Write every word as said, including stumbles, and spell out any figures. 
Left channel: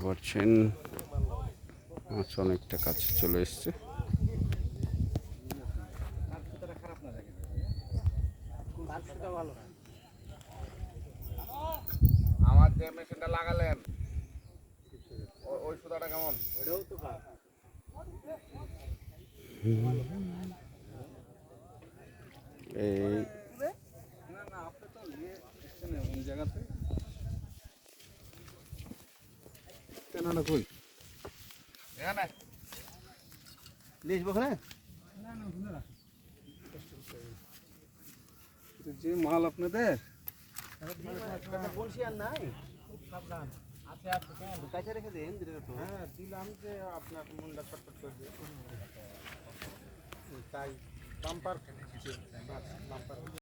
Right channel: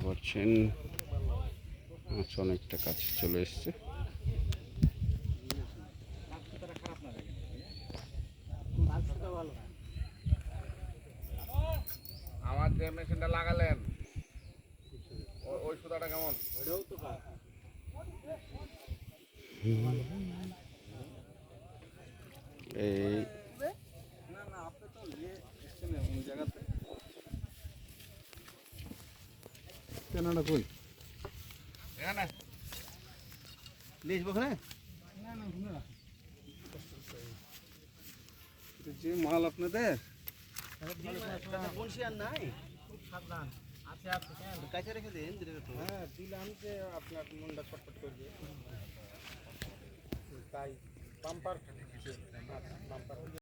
পাচ্ছেন মাছ অনেকটা কাছে চলে এসছে। আমার যে মেশিনটা লাগালেন ওই সুতাটা কেমন? এই না না আপনি তো ওই জায়গাতে কেননা কই এখানে লিস বখরে না না ঘুরে যে মাল আপনাদের বলছি আর নাই খুব সাবধান আছে আছে কেন কাছে রেখে দেন হ্যাঁ দিলাম যে আপনার মনটা ছটফট করবে তাই বাম্পার ফেলে বাম্পার